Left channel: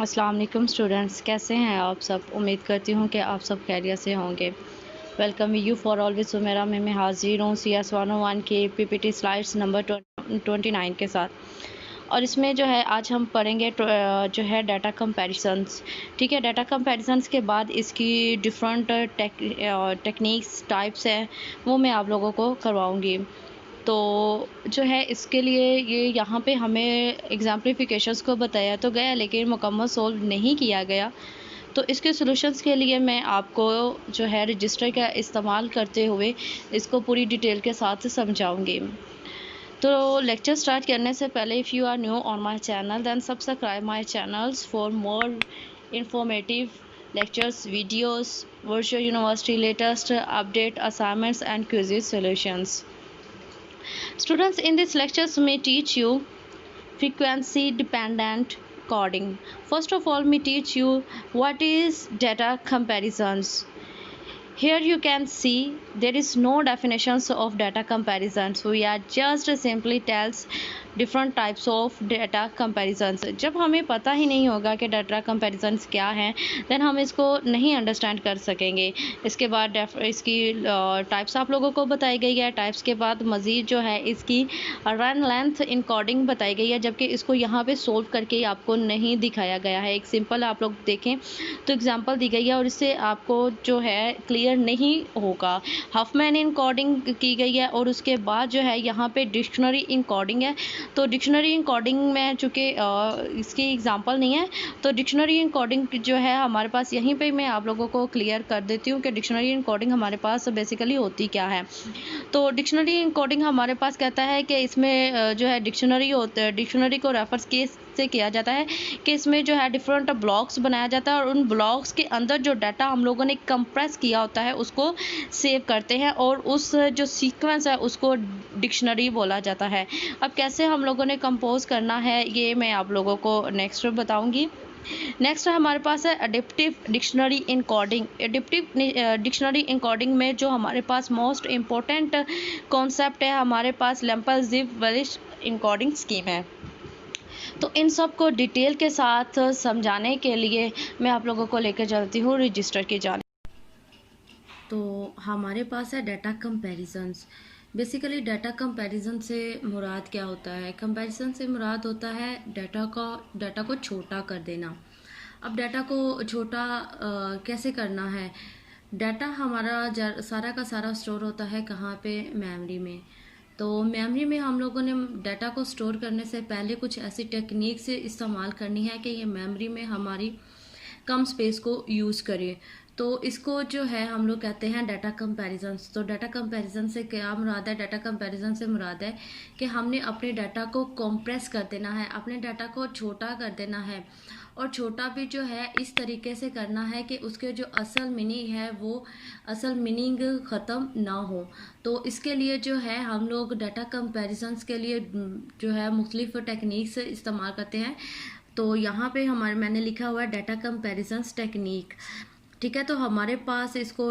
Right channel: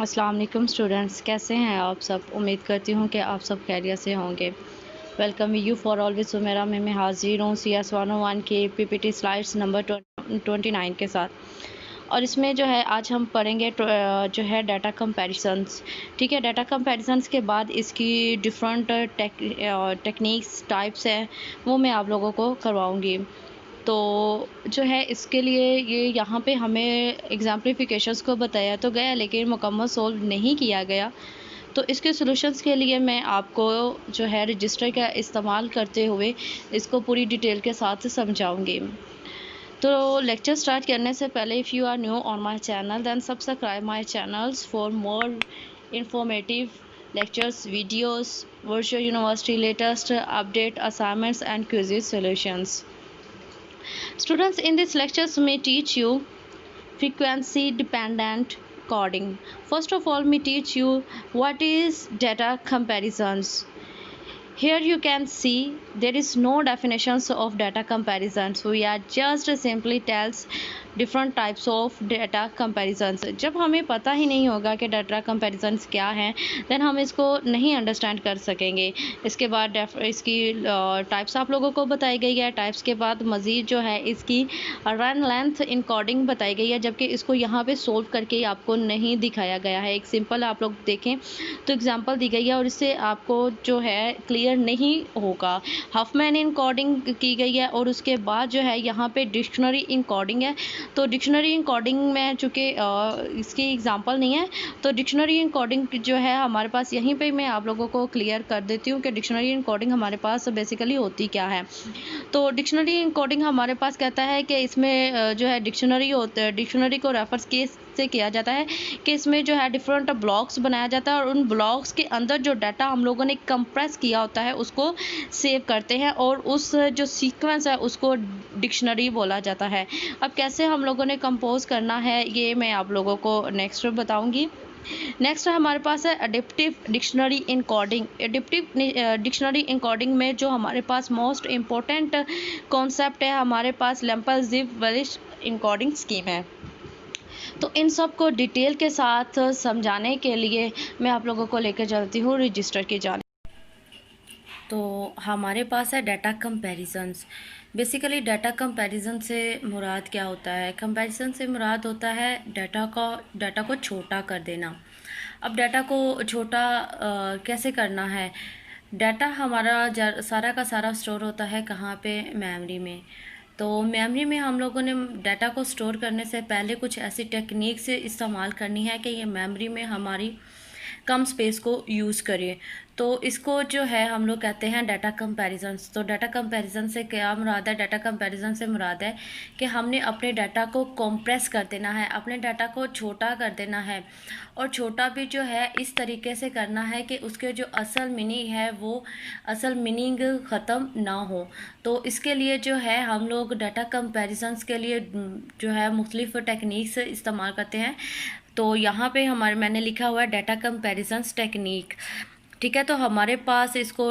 अस्सलाम वालेकुम स्टूडेंट्स, कैसे हैं आप सब। उम्मीद करती हूँ कि आप सब खैरियत से होंगे। Welcome you for always Sumera में मैं हाजिर हूँ CS 101 के PPT स्लाइड्स नंबर 29 के साथ। और इसमें जो है आज हम पढ़ेंगे जो है डाटा कंपैरिजंस। ठीक है, डाटा कंपैरिजंस के बाद इसकी डिफरेंट टेक्निक्स टाइप्स हैं, वो मैं आप लोगों को करवाऊँगी। तो जो है इसके लिए ये यहाँ पे हमें एग्जाम्पलीफिकेशंस को बताया तो गया, लेकिन मुकम्मल सोल्व नहीं किया गया। तो इसके सॉल्यूशंस के लिए मैं आपको जो है रजिस्टर का इस्तेमाल करते हुए इसको पूरी डिटेल के साथ समझाऊंगी। तो लेक्चर स्टार्ट करने से पहले if you are new on my channel then subscribe my channels for more informative lectures, videos, virtual university latest update, assignments and quizzes solutions. Students, in this lectures may teach you frequency dependent coding. First of all, may teach you what is data comparisons. Here you can see there is no definitions of data comparisons. We are just simply tells different types of data comparisons. जब हमें पता ही नहीं होगा कि data comparisons क्या हैं, then हम इसको नहीं understand कर सकेंगे। इसके बाद इसकी types आप लोगों को बताई गई है। types के बाद मज़ीद जो है इसकी run length encoding बताई गई है, जबकि इसको यहाँ पे solve करके आपको नहीं दिखाया गया है। एक सिंपल आप लोग देखें तो एग्जांपल दी गई है और इससे आपको जो है क्लियर नहीं होगा। हफमैन इनकोडिंग की गई है और उसके बाद जो है यहाँ पे डिक्शनरी इनकोडिंग है। तो डिक्शनरी इनकोडिंग में चूँकि इसकी एग्जांपल नहीं है, तो डिक्शनरी इनकोडिंग जो है हमारे पास यहीं पे मैं आप लोगों को क्लियर कर देती हूँ कि डिक्शनरी इनकोडिंग हमारे पास बेसिकली होती क्या है। तो डिक्शनरी इनकोडिंग हमारे पास कहता है कि इसमें जो है डिक्शनरी को रेफर केस से किया जाता है कि इसमें जो है डिफरेंट ब्लॉक्स बनाया जाता है और उन ब्लॉक्स के अंदर जो डाटा हम लोगों ने कंप्रेस किया होता है उसको सेव करते हैं और उस जो सीक्वेंस है उसको डिक्शनरी बोला जाता है। अब कैसे हम लोगों ने कंपोज करना है ये मैं आप लोगों को नेक्स्ट बताऊंगी। नेक्स्ट हमारे पास है adaptive dictionary encoding. Adaptive dictionary encoding में जो हमारे पास मोस्ट इम्पोर्टेंट कॉन्सेप्ट है, हमारे पास लैम्पल-ज़िप-वेलिश इनकोडिंग स्कीम है। तो इन सब को डिटेल के साथ समझाने के लिए मैं आप लोगों को लेकर चलती हूँ रजिस्टर की जानिब। तो हमारे पास है data comparisons. Basically data comparison से मुराद क्या होता है? कंपैरिजन से मुराद होता है डाटा को छोटा कर देना। अब डाटा को छोटा कैसे करना है? डाटा हमारा सारा का सारा स्टोर होता है कहाँ पे? मेमोरी में। तो मेमोरी में हम लोगों ने डाटा को स्टोर करने से पहले कुछ ऐसी टेक्निक से इस्तेमाल करनी है कि ये मेमोरी में हमारी कम स्पेस को यूज़ करें। तो इसको जो है हम लोग कहते हैं डाटा कंपैरिजंस। तो डाटा कंपैरिजन से क्या मुराद है? डाटा कंपैरिजन से मुराद है कि हमने अपने डाटा को कंप्रेस कर देना है, अपने डाटा को छोटा कर देना है और छोटा भी जो है इस तरीके से करना है कि उसके जो असल मीनिंग है वो असल मीनिंग ख़त्म ना हो। तो इसके लिए जो है हम लोग डाटा कंपैरिजंस के लिए जो है मुख्तलिफ टेक्निक्स इस्तेमाल करते हैं। तो यहाँ पे मैंने लिखा हुआ है डाटा कंपैरिजंस टेक्निक। ठीक है, तो हमारे पास इसको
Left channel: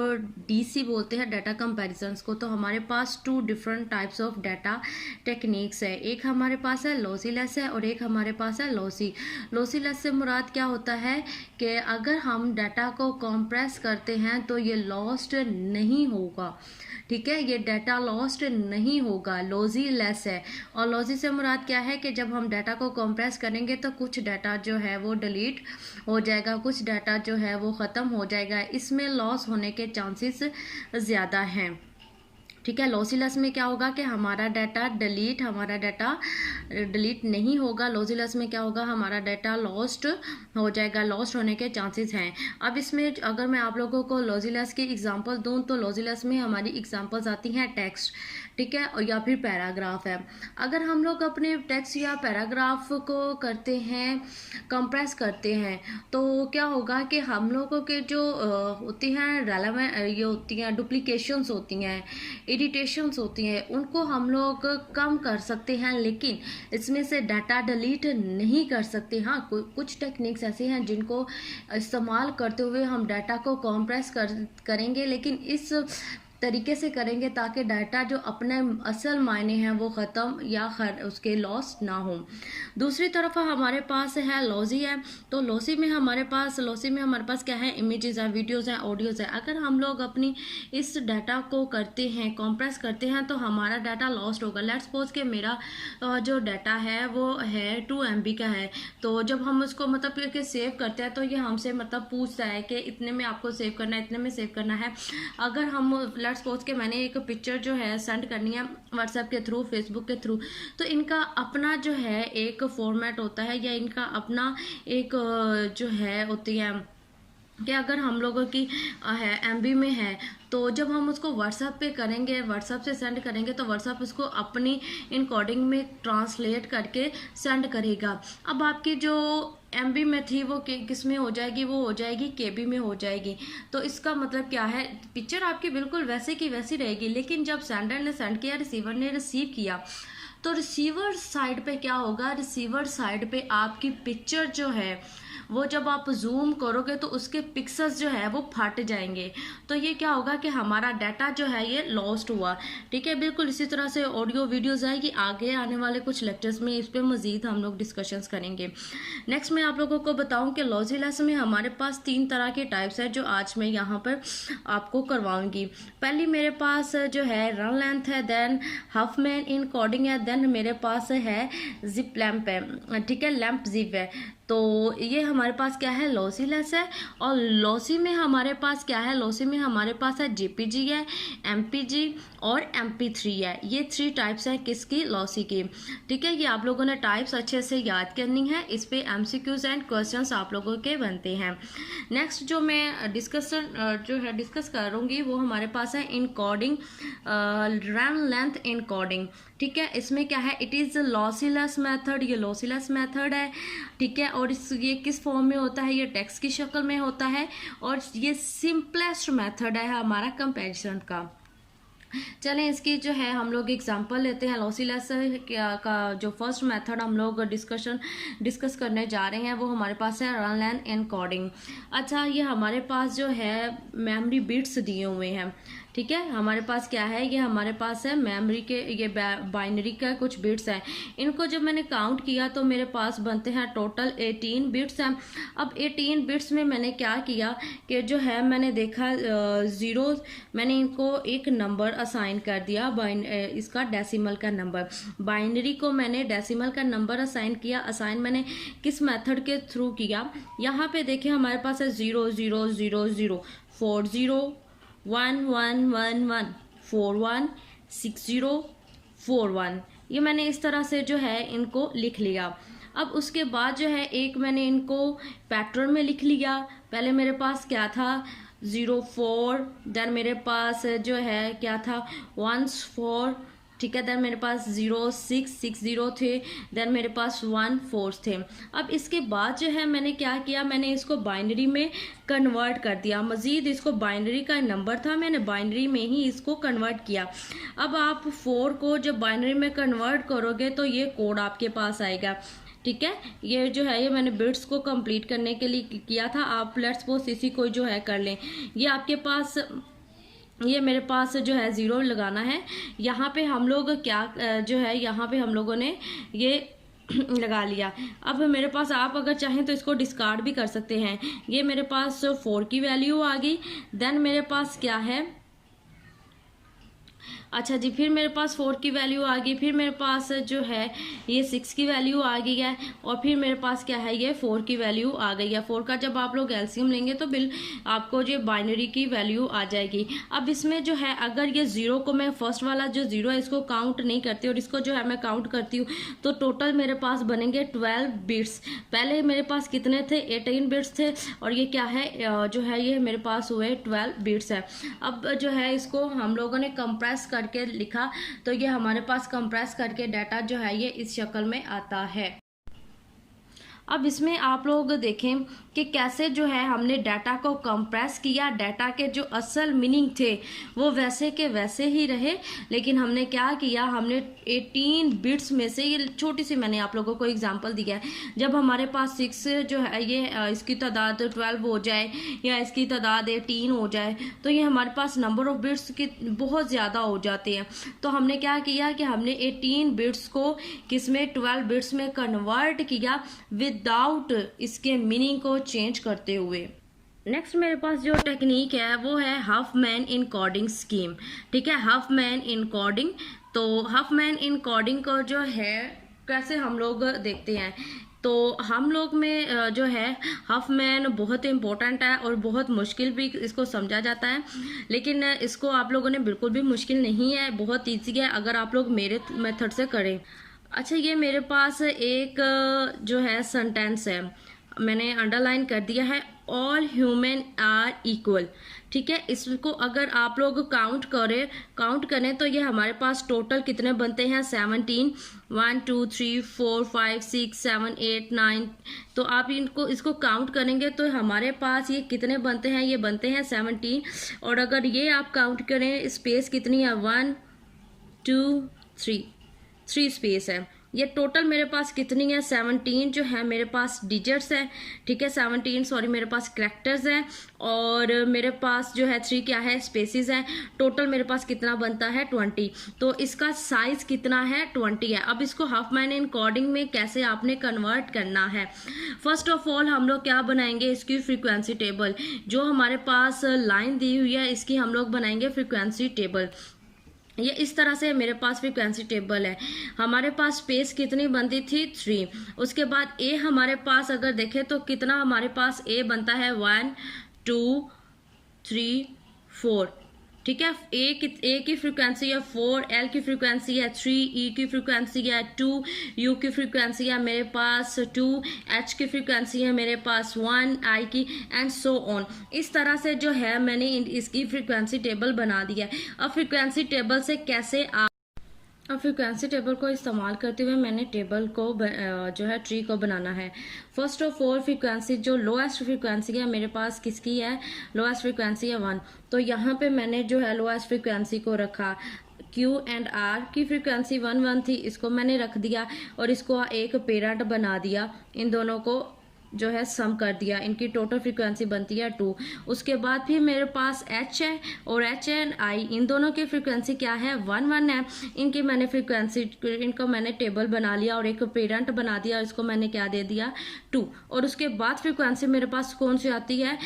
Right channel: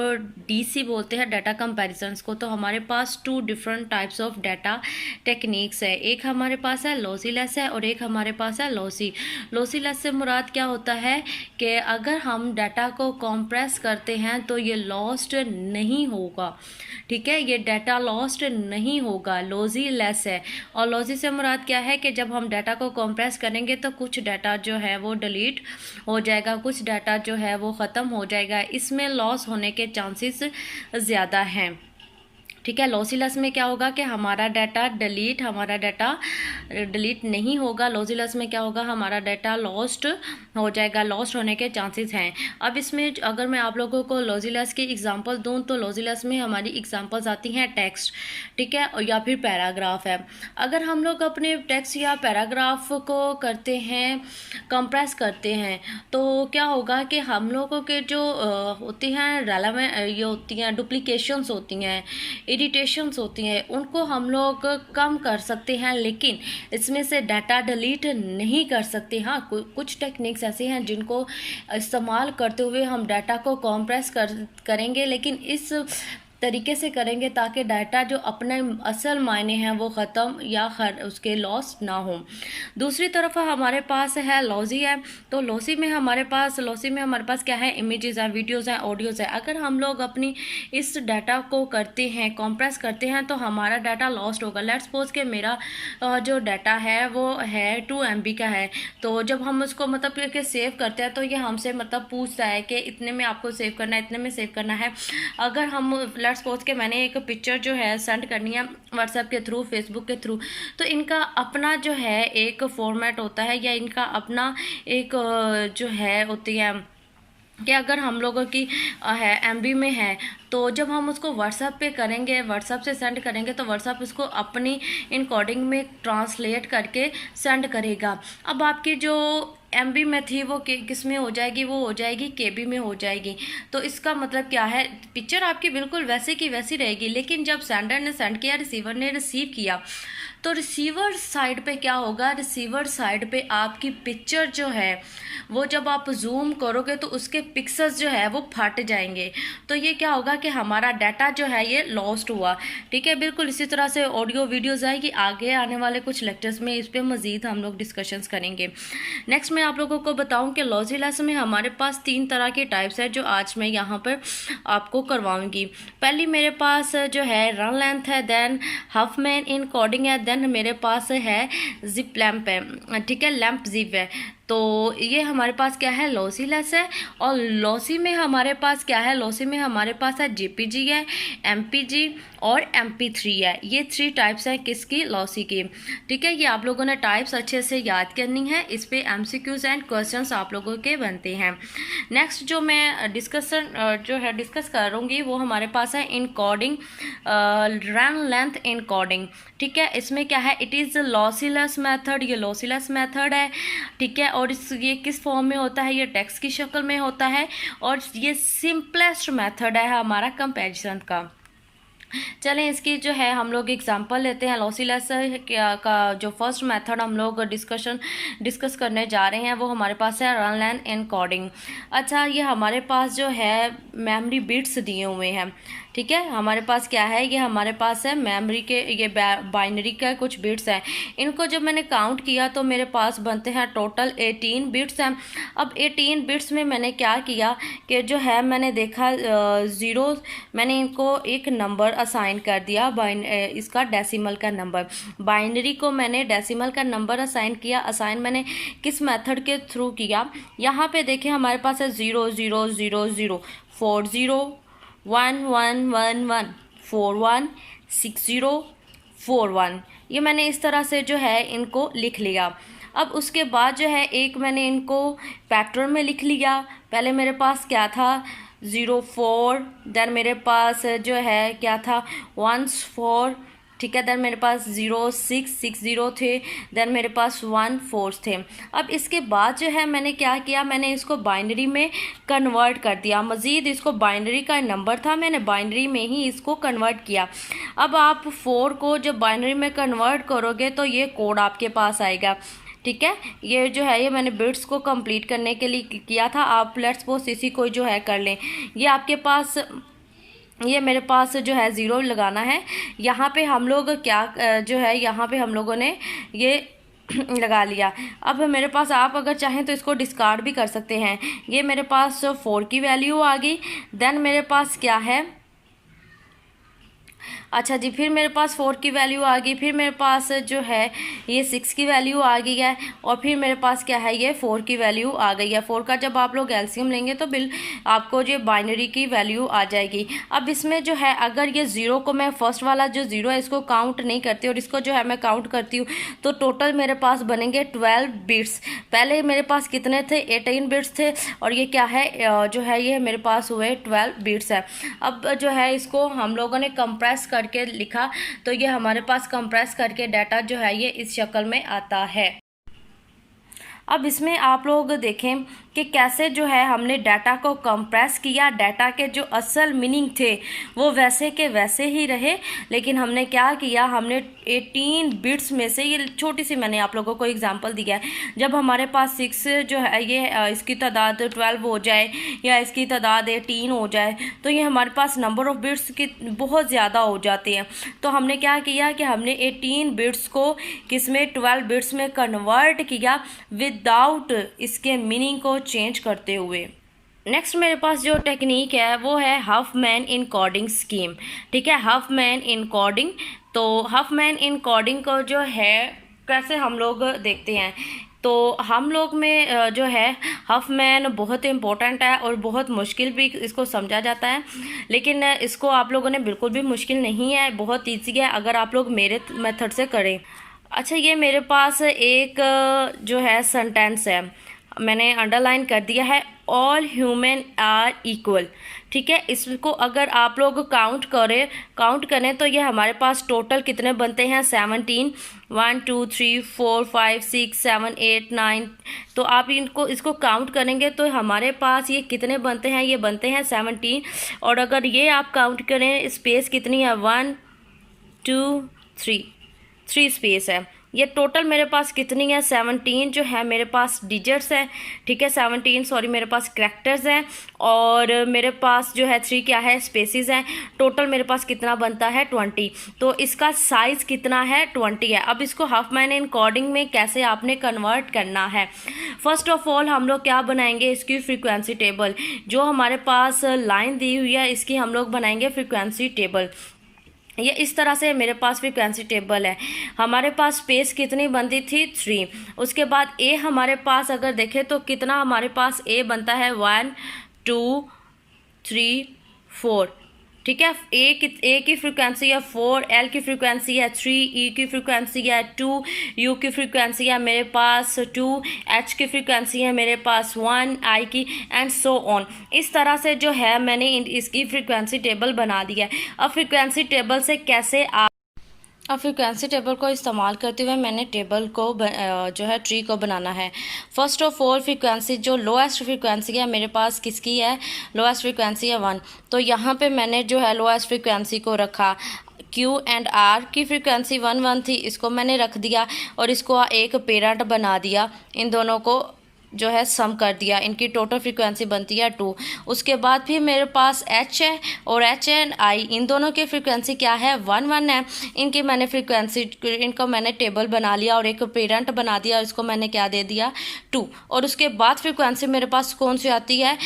DC बोलते हैं डाटा कंपैरिजंस को। तो हमारे पास 2 different types of data techniques है। एक हमारे पास है लॉसीलेस है और एक हमारे पास है लॉसी। लॉसीलेस से मुराद क्या होता है कि अगर हम डाटा को कंप्रेस करते हैं तो ये लॉस्ट नहीं होगा। ठीक है, ये डाटा लॉस्ट नहीं होगा, लॉसी लेस है। और लॉसी से मुराद क्या है कि जब हम डाटा को कंप्रेस करेंगे तो कुछ डाटा जो है वो डिलीट हो जाएगा, कुछ डाटा जो है वो ख़त्म हो जाएगा, इसमें लॉस होने के चांसेस ज़्यादा हैं। ठीक है, लॉसीलेस में क्या होगा कि हमारा डाटा डिलीट नहीं होगा। लॉसीलेस में क्या होगा? हमारा डाटा लॉस्ट हो जाएगा, लॉस्ट होने के चांसेस हैं। अब इसमें अगर मैं आप लोगों को लॉसीलेस की एग्जांपल दूं तो लॉसीलेस में हमारी एग्जांपल्स आती हैं टेक्स्ट, ठीक है, और या फिर पैराग्राफ है। अगर हम लोग अपने टेक्स्ट या पैराग्राफ को करते हैं कंप्रेस करते हैं तो क्या होगा कि हम लोगों के जो होती हैं रेलेवेंट ये होती हैं डुप्लीकेशंस होती हैं, इरिटेशंस होती हैं, उनको हम लोग कम कर सकते हैं, लेकिन इसमें से डाटा डिलीट नहीं कर सकते। हाँ, कुछ टेक्निक्स ऐसे हैं जिनको इस्तेमाल करते हुए हम डाटा को कंप्रेस करेंगे, लेकिन इस तरीके से करेंगे ताकि डाटा जो अपने असल मायने हैं वो ख़त्म या उसके लॉस ना हो। दूसरी तरफ हमारे पास है लॉजी है। तो लॉसी में हमारे पास क्या है, इमेजेस हैं, वीडियोस हैं, ऑडियोज़ है। अगर हम लोग अपनी इस डाटा को करते हैं, कंप्रेस करते हैं, तो हमारा डाटा लॉस्ट होगा। लेट्स सपोज कि मेरा जो डाटा है वो है 2 MB का है। तो जब हम उसको मतलब कि सेव करते हैं तो ये हमसे मतलब पूछता है कि इतने में आपको सेव करना है, इतने में सेव करना है। अगर हम लेट्स सपोज के मैंने एक पिक्चर जो है सेंड करनी है व्हाट्सएप के थ्रू, फेसबुक के थ्रू, तो इनका अपना जो है एक फॉर्मेट होता है या इनका अपना एक जो है होती है कि अगर हम लोगों की है MB में है, तो जब हम उसको व्हाट्सएप पे करेंगे, व्हाट्सएप से सेंड करेंगे, तो व्हाट्सएप उसको अपनी इनकोडिंग में ट्रांसलेट करके सेंड करेगा। अब आपकी जो MB में थी वो किस में हो जाएगी, वो हो जाएगी KB में हो जाएगी। तो इसका मतलब क्या है, पिक्चर आपकी बिल्कुल वैसे की वैसी रहेगी, लेकिन जब सेंडर ने सेंड किया, रिसीवर ने रिसीव किया, तो रिसीवर साइड पे क्या होगा, रिसीवर साइड पे आपकी पिक्चर जो है वो जब आप जूम करोगे तो उसके पिक्सल्स जो है वो फट जाएंगे। तो ये क्या होगा कि हमारा डाटा जो है ये लॉस्ट हुआ। ठीक है, बिल्कुल इसी तरह से ऑडियो वीडियोज़ आएगी, आगे आने वाले कुछ लेक्चर्स में इस पर मज़ीद हम लोग डिस्कशंस करेंगे। नेक्स्ट मैं आप लोगों को बताऊं कि लॉजीलेस में हमारे पास 3 तरह के टाइप्स है जो आज मैं यहाँ पर आपको करवाऊँगी। पहली मेरे पास जो है रन लेंथ है, देन हफमैन इनकोडिंग है, देन मेरे पास है जिप लैम्प है। ठीक है, लैम्प जिप है। तो ये हमारे पास क्या है, लॉसीलेस है। और लॉसी में हमारे पास क्या है, लॉसी में हमारे पास है JPG है, MPG और MP3 है। ये 3 टाइप्स है किसकी, लॉसी की। ठीक है, ये आप लोगों ने टाइप्स अच्छे से याद करनी है, इस पे MCQs एंड क्वेश्चंस आप लोगों के बनते हैं। नेक्स्ट जो मैं डिस्कस करूँगी वो हमारे पास है इनकोडिंग, रन लेंथ इनकोडिंग। ठीक है, इसमें क्या है, इट इज़ लॉसीलेस मेथड, ये लॉसीलेस मेथड है। ठीक है, और ये किस फॉर्म में होता है, ये टेक्स्ट की शक्ल में होता है, और ये सिंपलेस्ट मेथड है हमारा कंपैरिजन का। चलें इसकी जो है हम लोग एग्जांपल लेते हैं। लॉसीलेस का जो फर्स्ट मेथड हम लोग डिस्कस करने जा रहे हैं वो हमारे पास है रन लेंथ इनकोडिंग। अच्छा, ये हमारे पास जो है मेमोरी बिट्स दिए हुए हैं। ठीक है, हमारे पास क्या है, ये हमारे पास है मेमोरी के ये बाइनरी का कुछ बिट्स हैं। इनको जब मैंने काउंट किया तो मेरे पास बनते हैं टोटल 18 बिट्स हैं। अब 18 बिट्स में मैंने क्या किया कि जो है मैंने देखा ज़ीरो, मैंने इनको एक नंबर असाइन कर दिया, इसका डेसिमल का नंबर। बाइनरी को मैंने डेसिमल का नंबर असाइन किया। असाइन मैंने किस मेथड के थ्रू किया, यहाँ पे देखें हमारे पास है 0 0 0 0 4 0 1 1 1 1 4 1 6 0 4 1। ये मैंने इस तरह से जो है इनको लिख लिया। अब उसके बाद जो है एक मैंने इनको पैटर्न में लिख लिया। पहले मेरे पास क्या था 0 4, देन मेरे पास जो है क्या था 1 4। ठीक है, देन मेरे पास 0 6 6 0 थे, देन मेरे पास 1 4 थे। अब इसके बाद जो है मैंने क्या किया, मैंने इसको बाइनरी में कन्वर्ट कर दिया। मज़ीद इसको बाइनरी का नंबर था, मैंने बाइनरी में ही इसको कन्वर्ट किया। अब आप 4 को जब बाइनरी में कन्वर्ट करोगे तो ये कोड आपके पास आएगा। ठीक है, ये जो है ये मैंने बिट्स को कंप्लीट करने के लिए किया था। आप लेट्स सपोज इसी को जो है कर लें। ये आपके पास, ये मेरे पास जो है 0 लगाना है। यहाँ पे हम लोग क्या जो है यहाँ पे हम लोगों ने ये लगा लिया। अब मेरे पास, आप अगर चाहें तो इसको डिस्कार्ड भी कर सकते हैं। ये मेरे पास 4 की वैल्यू आ गई। देन मेरे पास क्या है, अच्छा जी, फिर मेरे पास 4 की वैल्यू आ गई। फिर मेरे पास जो है ये 6 की वैल्यू आ गई है। और फिर मेरे पास क्या है, ये 4 की वैल्यू आ गई है। 4 का जब आप लोग एलसीएम लेंगे तो आपको जो बाइनरी की वैल्यू आ जाएगी। अब इसमें जो है अगर ये 0 को मैं फर्स्ट वाला जो 0 है इसको काउंट नहीं करती और इसको जो है मैं काउंट करती हूँ, तो टोटल मेरे पास बनेंगे 12 बिट्स। पहले मेरे पास कितने थे, 18 बिट्स थे, और ये क्या है जो है ये मेरे पास हुए 12 बिट्स है। अब जो है इसको हम लोगों ने कंप्रेस करके लिखा, तो ये हमारे पास कंप्रेस करके डाटा जो है ये इस शक्ल में आता है। अब इसमें आप लोग देखें कि कैसे जो है हमने डाटा को कंप्रेस किया, डाटा के जो असल मीनिंग थे वो वैसे के वैसे ही रहे, लेकिन हमने क्या किया, हमने 18 बिट्स में से, ये छोटी सी मैंने आप लोगों को एग्जांपल दिया है, जब हमारे पास 6 जो है ये इसकी तादाद 12 हो जाए या इसकी तादाद 18 हो जाए तो ये हमारे पास नंबर ऑफ़ बिट्स की बहुत ज़्यादा हो जाती हैं। तो हमने क्या किया कि हमने 18 बिट्स को किस में 12 बिट्स में कन्वर्ट किया विदाउट इसके मीनिंग को चेंज करते हुए। नेक्स्ट मेरे पास जो टेक्निक है वो है हफमैन इनकोडिंग स्कीम। ठीक है, हफमैन इनकोडिंग। तो हफमैन इनकोडिंग को जो है कैसे हम लोग देखते हैं, तो हम लोग में जो है हफमैन बहुत इम्पोर्टेंट है और बहुत मुश्किल भी इसको समझा जाता है, लेकिन इसको आप लोगों ने बिल्कुल भी मुश्किल नहीं है, बहुत ईजी है अगर आप लोग मेरे मेथड से करें। अच्छा, ये मेरे पास एक जो है सेंटेंस है, मैंने अंडरलाइन कर दिया है, ऑल ह्यूमन आर इक्वल। ठीक है, इसको अगर आप लोग काउंट करें तो ये हमारे पास टोटल कितने बनते हैं, 17। 1 2 3 4 5 6 7 8 9। तो आप इसको काउंट करेंगे तो हमारे पास ये कितने बनते हैं, ये बनते हैं 17। और अगर ये आप काउंट करें, स्पेस कितनी है, 1 2 3 स्पेस है। ये टोटल मेरे पास कितनी है, 17 जो है मेरे पास डिजिट्स है। ठीक है, 17 सॉरी मेरे पास कैरेक्टर्स हैं, और मेरे पास जो है 3 क्या है, स्पेसिस हैं। टोटल मेरे पास कितना बनता है, 20। तो इसका साइज़ कितना है, 20 है। अब इसको हफमैन इनकोडिंग में कैसे आपने कन्वर्ट करना है, फर्स्ट ऑफ ऑल हम लोग क्या बनाएंगे, इसकी फ्रीक्वेंसी टेबल। जो हमारे पास लाइन दी हुई है इसकी हम लोग बनाएंगे फ्रीक्वेंसी टेबल। ये इस तरह से मेरे पास फ्रीक्वेंसी टेबल है। हमारे पास स्पेस कितनी बनती थी, 3। उसके बाद ए हमारे पास अगर देखें तो कितना हमारे पास ए बनता है, 1 2 3 4। ठीक है, ए की फ्रीक्वेंसी है 4, एल की फ्रीक्वेंसी है 3, ई की फ्रीक्वेंसी है 2, यू की फ्रीक्वेंसी है मेरे पास 2, एच की फ्रीक्वेंसी है मेरे पास 1, आई की, एंड सो ऑन। इस तरह से जो है मैंने इसकी फ्रीक्वेंसी टेबल बना दिया है। अब फ्रीक्वेंसी टेबल से कैसे अब फ्रीक्वेंसी टेबल को इस्तेमाल करते हुए मैंने टेबल को जो है ट्री को बनाना है। फर्स्ट ऑफ ऑल फ्रीक्वेंसी, जो लोएस्ट फ्रीक्वेंसी है मेरे पास किसकी है, लोएस्ट फ्रीक्वेंसी है 1। तो यहाँ पे मैंने जो है लोएस्ट फ्रीक्वेंसी को रखा, क्यू एंड आर की फ्रीक्वेंसी 1 1 थी, इसको मैंने रख दिया और इसको एक पेरेंट बना दिया, इन दोनों को जो है सम कर दिया, इनकी टोटल फ्रीक्वेंसी बनती है 2। उसके बाद फिर मेरे पास एच है और एच एंड आई, इन दोनों की फ्रीक्वेंसी क्या है, 1 1 है। इनकी मैंने फ्रीक्वेंसी, इनको मैंने टेबल बना लिया और एक पेरेंट बना दिया और इसको मैंने क्या दे दिया, 2। और उसके बाद फ्रीक्वेंसी मेरे पास कौन सी आती है,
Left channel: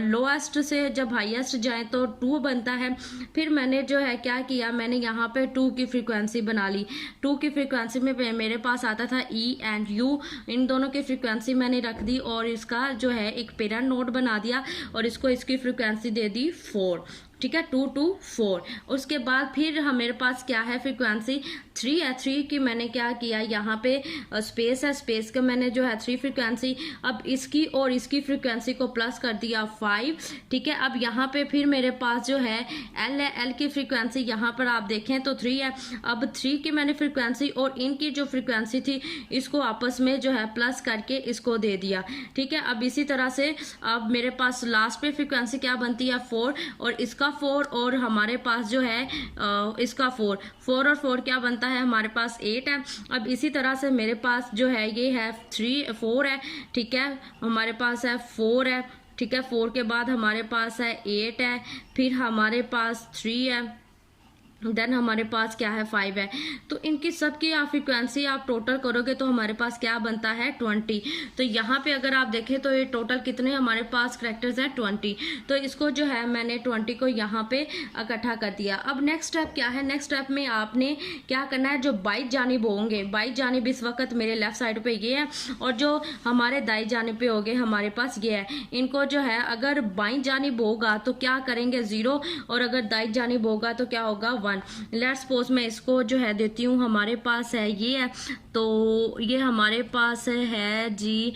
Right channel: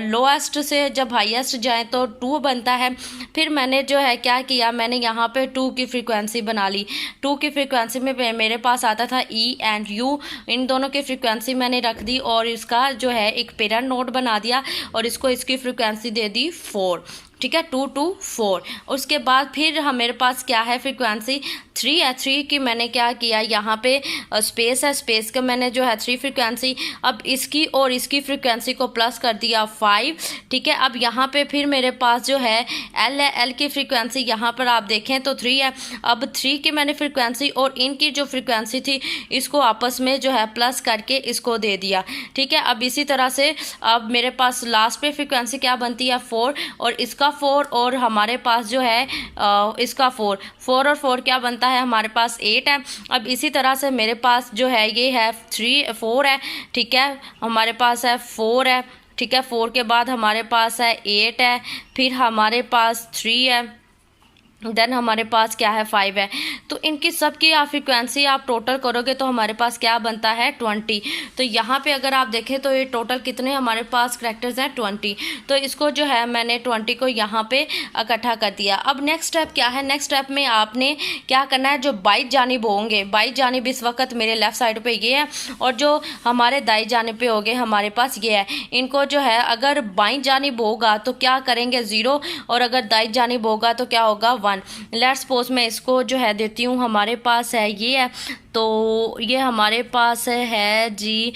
लोएस्ट से जब हाईएस्ट जाए तो 2 बनता है। फिर मैंने जो है क्या किया, मैंने यहाँ पे 2 की फ्रीक्वेंसी बना ली। 2 की फ्रीक्वेंसी में मेरे पास आता था ई एंड यू, इन दोनों की फ्रीक्वेंसी मैंने रख दी और इसका जो है एक पेरेंट नोड बना दिया और इसको इसकी फ्रीक्वेंसी दे दी 4। ठीक है, 2 2 4। उसके बाद फिर मेरे पास क्या है, फ्रीक्वेंसी 3 है। 3 की मैंने क्या किया, यहाँ पे स्पेस है, स्पेस का मैंने जो है 3 फ्रीक्वेंसी, अब इसकी और इसकी फ्रीक्वेंसी को प्लस कर दिया 5। ठीक है, अब यहाँ पे फिर मेरे पास जो है एल है, एल की फ्रीक्वेंसी यहाँ पर आप देखें तो 3 है। अब 3 की मैंने फ्रीक्वेंसी और इनकी जो फ्रीक्वेंसी थी इसको आपस में जो है प्लस करके इसको दे दिया। ठीक है, अब इसी तरह से अब मेरे पास लास्ट पे फ्रीक्वेंसी क्या बनती है, 4, और इसका 4 और हमारे पास जो है इसका 4 और 4 क्या बनता है, हमारे पास 8 है। अब इसी तरह से मेरे पास जो है ये है 4 है। ठीक है, हमारे पास है 4 है। ठीक है, 4 के बाद हमारे पास है 8 है, फिर हमारे पास 3 है, देन हमारे पास क्या है, 5 है। तो इनकी सबकी आप फ्रीक्वेंसी आप टोटल करोगे तो हमारे पास क्या बनता है, 20। तो यहाँ पे अगर आप देखें तो ये टोटल कितने हमारे पास करैक्टर्स हैं, 20। तो इसको जो है मैंने 20 को यहाँ पे इकट्ठा कर दिया। अब नेक्स्ट स्टेप क्या है, नेक्स्ट स्टेप में आपने क्या करना है, जो बाई जानिब होंगे, बाई जानिब इस वक्त मेरे लेफ़्ट साइड पर ये है और जो हमारे दाई जानिब पे होंगे हमारे पास ये है। इनको जो है अगर बाई जानिब होगा तो क्या करेंगे, 0, और अगर दाई जानिब होगा तो क्या होगा, 1। लेट्स सपोज मैं इसको जो है देती हूँ, हमारे पास है ये है, तो ये हमारे पास है जी।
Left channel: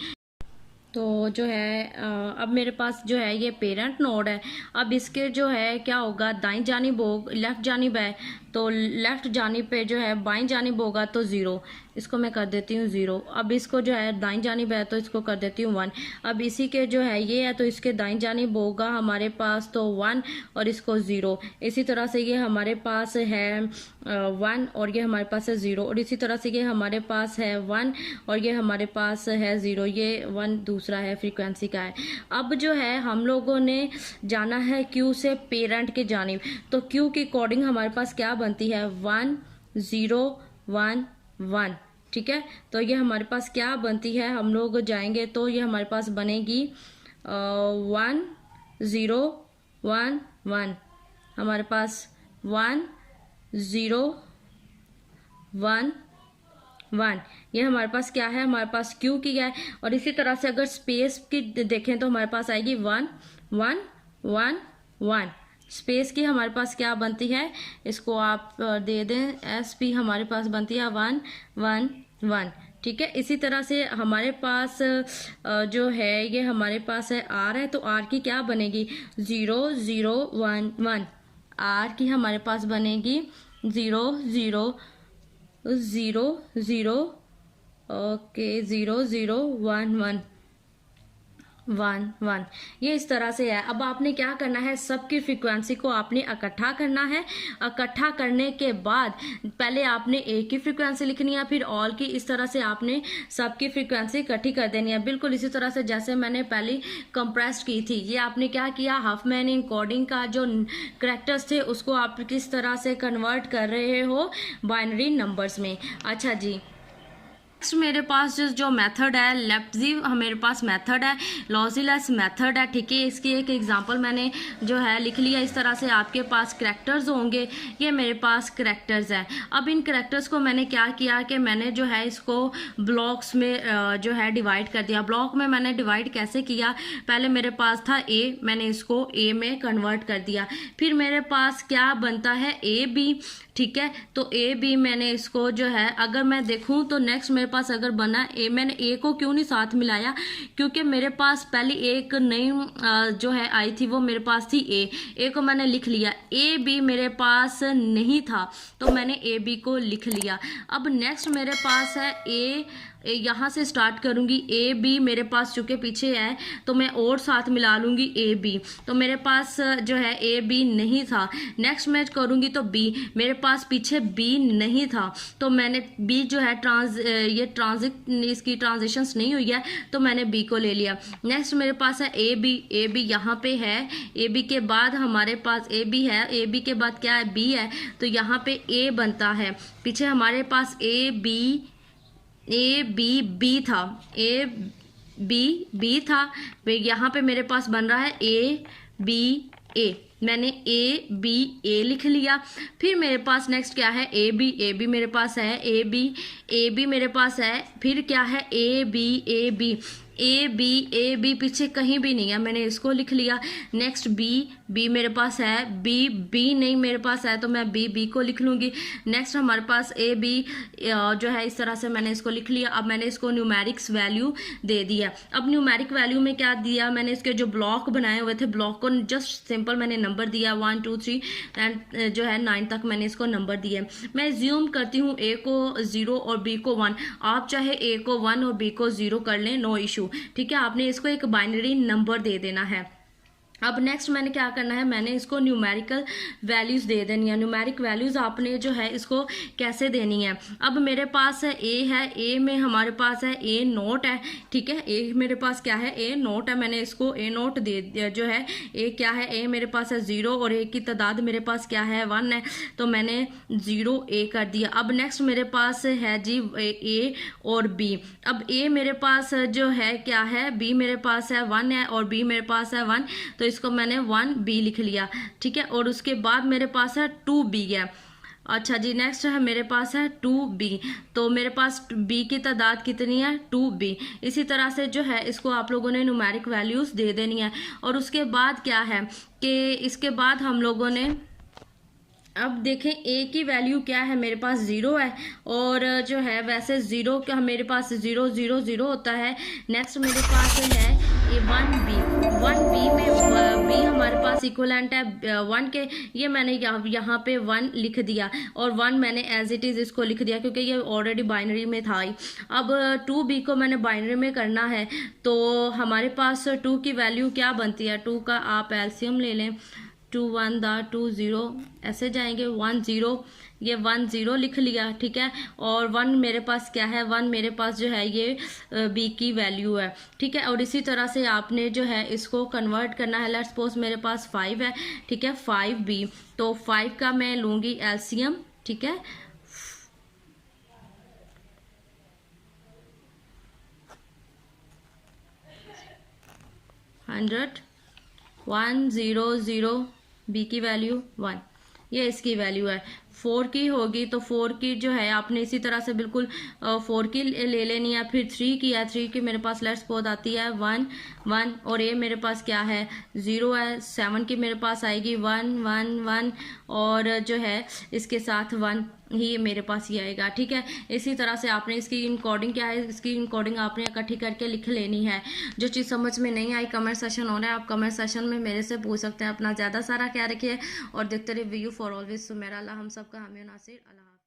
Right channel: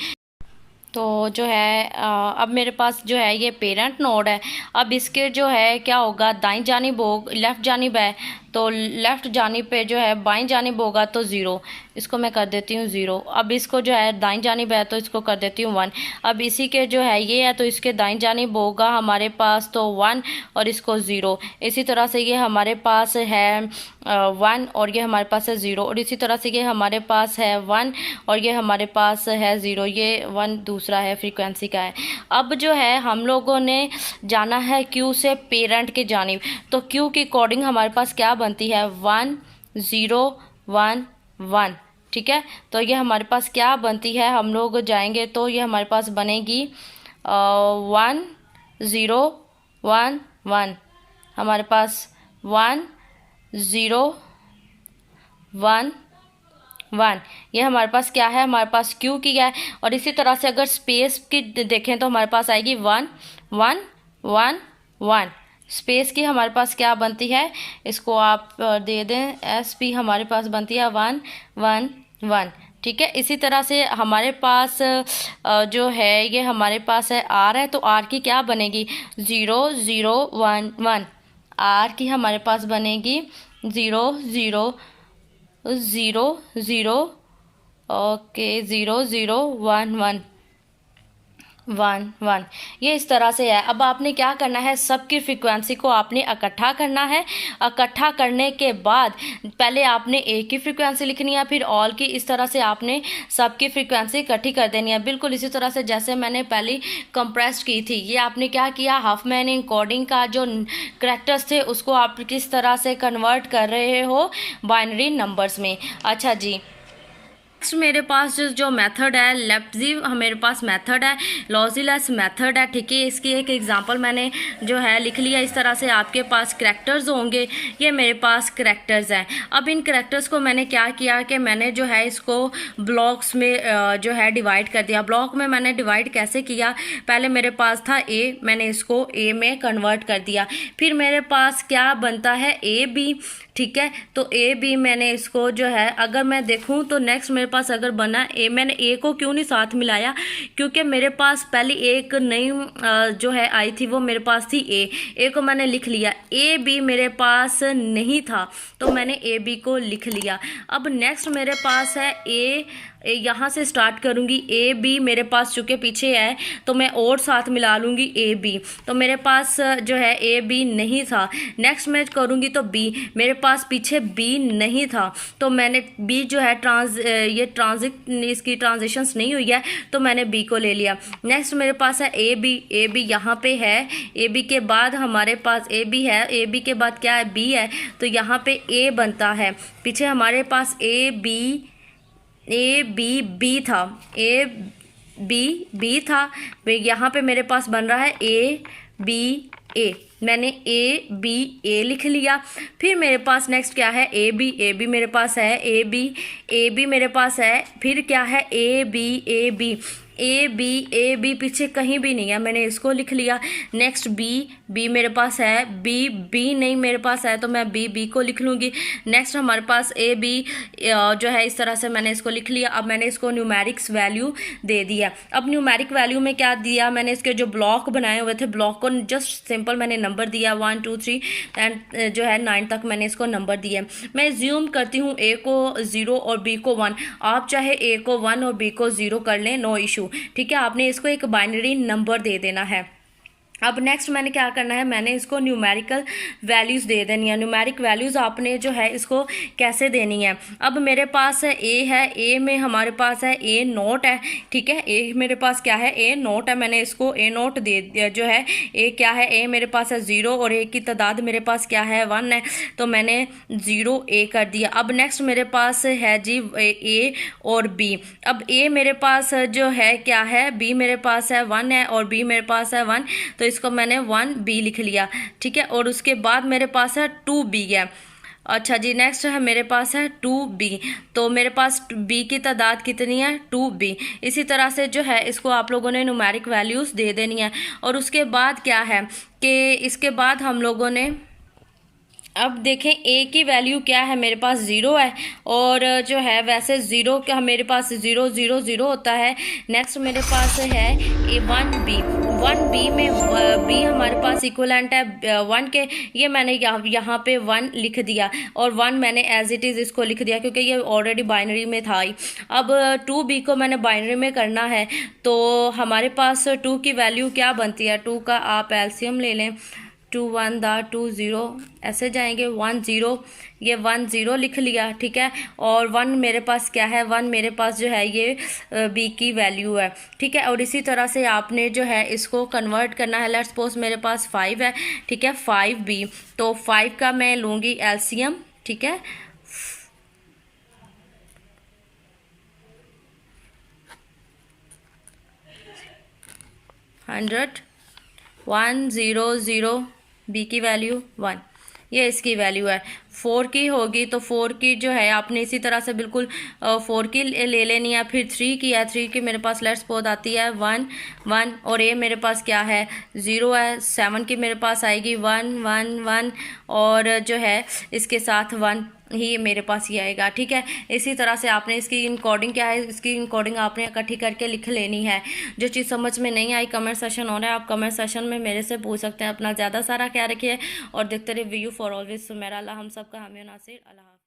तो जो है अब मेरे पास जो है ये पेरेंट नोड है। अब इसके जो है क्या होगा, दाईं जानिब लेफ़्ट जानिब है तो लेफ़्ट जानिब पे जो है बाईं जानिब होगा तो 0, इसको मैं कर देती हूँ 0। अब इसको जो है दाईं जानिब है तो इसको कर देती हूँ 1। अब इसी के जो है ये है तो इसके दाईं जानिब होगा हमारे पास तो 1 और इसको 0। इसी तरह से ये हमारे पास है 1 और ये हमारे पास है 0, और इसी तरह से ये हमारे पास है 1 और ये हमारे पास है 0। ये 1 दूसरा है, फ्रीक्वेंसी का है। अब जो है हम लोगों ने जाना है क्यू से पेरेंट की जानिब, तो क्यू के अकॉर्डिंग हमारे पास क्या बनती है 1 0 1 1, ठीक है। तो ये हमारे पास क्या बनती है, हम लोग जाएंगे तो ये हमारे पास बनेगी 1 0 1 1, हमारे पास 1 0 1 1, ये हमारे पास क्या है, हमारे पास क्यू की है। और इसी तरह से अगर स्पेस की देखें तो हमारे पास आएगी 1 1 1 1। स्पेस की हमारे पास क्या बनती है, इसको आप दे दें एस पी, हमारे पास बनती है 1 1 1, ठीक है। इसी तरह से हमारे पास जो है ये हमारे पास है आर है, तो आर की क्या बनेगी 0 0 1 1। आर की हमारे पास बनेगी 0 0 0 0, ओके 0 0 1 1 1 1, ये इस तरह से है। अब आपने क्या करना है, सबकी फ्रीक्वेंसी को आपने इकट्ठा करना है। इकट्ठा करने के बाद पहले आपने ए की फ्रीक्वेंसी लिखनी है, फिर ऑल की, इस तरह से आपने सबकी फ्रीक्वेंसी इकट्ठी कर देनी है। बिल्कुल इसी तरह से जैसे मैंने पहले कंप्रेस की थी। ये आपने क्या किया, हाफमैन एन्कोडिंग का जो करैक्टर्स थे उसको आप किस तरह से कन्वर्ट कर रहे हो बाइनरी नंबर्स में। अच्छा जी, नेक्स्ट मेरे पास जो मेथड है लेप्जी, मेरे पास मेथड है लॉजीलेस मेथड है, ठीक है। इसकी एक एग्जांपल मैंने जो है लिख लिया। इस तरह से आपके पास करैक्टर्स होंगे, ये मेरे पास करैक्टर्स हैं। अब इन करैक्टर्स को मैंने क्या किया कि मैंने जो है इसको ब्लॉक्स में जो है डिवाइड कर दिया। ब्लॉक में मैंने डिवाइड कैसे किया, पहले मेरे पास था ए, मैंने इसको ए में कन्वर्ट कर दिया। फिर मेरे पास क्या बनता है ए बी, ठीक है। तो ए बी मैंने इसको जो है अगर मैं देखूं तो नेक्स्ट मेरे पास अगर बना ए, मैंने ए को क्यों नहीं साथ मिलाया, क्योंकि मेरे पास पहले एक नई जो है आई थी, वो मेरे पास थी ए को मैंने लिख लिया। ए बी मेरे पास नहीं था तो मैंने ए बी को लिख लिया। अब नेक्स्ट मेरे पास है ए, यहाँ से स्टार्ट करूँगी। ए बी मेरे पास चूँकि पीछे है तो मैं और साथ मिला लूँगी ए बी, तो मेरे पास जो है ए बी नहीं था। नेक्स्ट मैं करूँगी तो बी, मेरे पास पीछे बी नहीं था तो मैंने बी जो है इसकी ट्रांजिशंस नहीं हुई है तो मैंने बी को ले लिया। नेक्स्ट मेरे पास है ए बी यहाँ पे है। ए बी के बाद हमारे पास ए बी है, ए बी के बाद क्या है बी है, तो यहाँ पे ए बनता है। पीछे हमारे पास ए बी बी था, ए बी था। यहाँ पे मेरे पास बन रहा है ए बी ए, मैंने ए बी ए लिख लिया। फिर मेरे पास नेक्स्ट क्या है ए बी मेरे पास है, ए बी मेरे पास है। फिर क्या है ए बी पीछे कहीं भी नहीं है, मैंने इसको लिख लिया। नेक्स्ट बी मेरे पास है, बी नहीं मेरे पास है तो मैं बी को लिख लूँगी। नेक्स्ट हमारे पास ए बी जो है इस तरह से मैंने इसको लिख लिया। अब मैंने इसको न्यूमेरिक्स वैल्यू दे दिया। अब न्यूमेरिक वैल्यू में क्या दिया, मैंने इसके जो ब्लॉक बनाए हुए थे ब्लॉक को जस्ट सिंपल मैंने नंबर दिया 1 2 3 एंड जो है 9 तक मैंने इसको नंबर दिया। मैं ज्यूम करती हूँ ए को 0 और बी को 1, आप चाहे ए को 1 और बी को 0 कर लें, नो इशू, ठीक है। आपने इसको एक बाइनरी नंबर दे देना है। अब नेक्स्ट मैंने क्या करना है, मैंने इसको न्यूमेरिकल वैल्यूज़ दे देनी है। न्यूमेरिक वैल्यूज़ आपने जो है इसको कैसे देनी है, अब मेरे पास है, ए में हमारे पास है ए नोट है, ठीक है। ए मेरे पास क्या है, ए नोट है, मैंने इसको ए नोट दे दिया। जो है ए क्या है, ए मेरे पास है 0 और ए की तादाद मेरे पास क्या है 1 है, तो मैंने 0 ए कर दिया। अब नेक्स्ट मेरे पास है जी ए और बी। अब ए मेरे पास जो है क्या है, बी मेरे पास है 1 है और बी मेरे पास है 1, तो इसको मैंने 1 बी लिख लिया, ठीक है। और उसके बाद मेरे पास है 2 बी है। अच्छा जी, नेक्स्ट है मेरे पास है 2 बी, तो मेरे पास बी की तादाद कितनी है 2 बी। इसी तरह से जो है इसको आप लोगों ने न्यूमेरिक वैल्यूज़ दे देनी है। और उसके बाद क्या है कि इसके बाद हम लोगों ने अब देखें ए की वैल्यू क्या है, मेरे पास ज़ीरो है, और जो है वैसे ज़ीरो का मेरे पास ज़ीरो ज़ीरो ज़ीरो होता है। नेक्स्ट मेरे पास है ए वन बी। वन बी में बी हमारे पास इक्वलेंट है वन के, ये मैंने यहाँ पे वन लिख दिया, और वन मैंने एज इट इज़ इसको लिख दिया क्योंकि ये ऑलरेडी बाइनरी में था ही। अब टू बी को मैंने बाइनरी में करना है, तो हमारे पास टू की वैल्यू क्या बनती है, टू का आप एलसीएम ले लें, टू वन दा टू ज़ीरो, ऐसे जाएंगे वन ज़ीरो, ये वन ज़ीरो लिख लिया, ठीक है। और वन मेरे पास क्या है, वन मेरे पास जो है ये बी की वैल्यू है, ठीक है। और इसी तरह से आपने जो है इसको कन्वर्ट करना है। लेट्स सपोज मेरे पास फाइव है, ठीक है, फाइव बी, तो फाइव का मैं लूँगी एलसीएम, ठीक है, 100, 100, बी की वैल्यू वन, ये इसकी वैल्यू है। फोर की होगी तो फोर की जो है आपने इसी तरह से बिल्कुल फोर की ले लेनी है। फिर थ्री की है, थ्री की मेरे पास लेट्स सपोज आती है वन वन, और ये मेरे पास क्या है, ज़ीरो है। सेवन की मेरे पास आएगी वन वन वन, और जो है इसके साथ वन ही मेरे पास ये आएगा, ठीक है। इसी तरह से आपने इसकी इनकोडिंग क्या है, इसकी इनकोडिंग आपने इकट्ठी करके लिख लेनी है। जो चीज़ समझ में नहीं आई, कमेंट सेशन हो रहा है, आप कमेंट सेशन में मेरे से पूछ सकते हैं। अपना ज़्यादा सारा क्या रखिए और देखते रहिए वीयू फॉर ऑलवेज सुमेरा। अल्लाह हम सबका हामी नासिर। अल्लाह।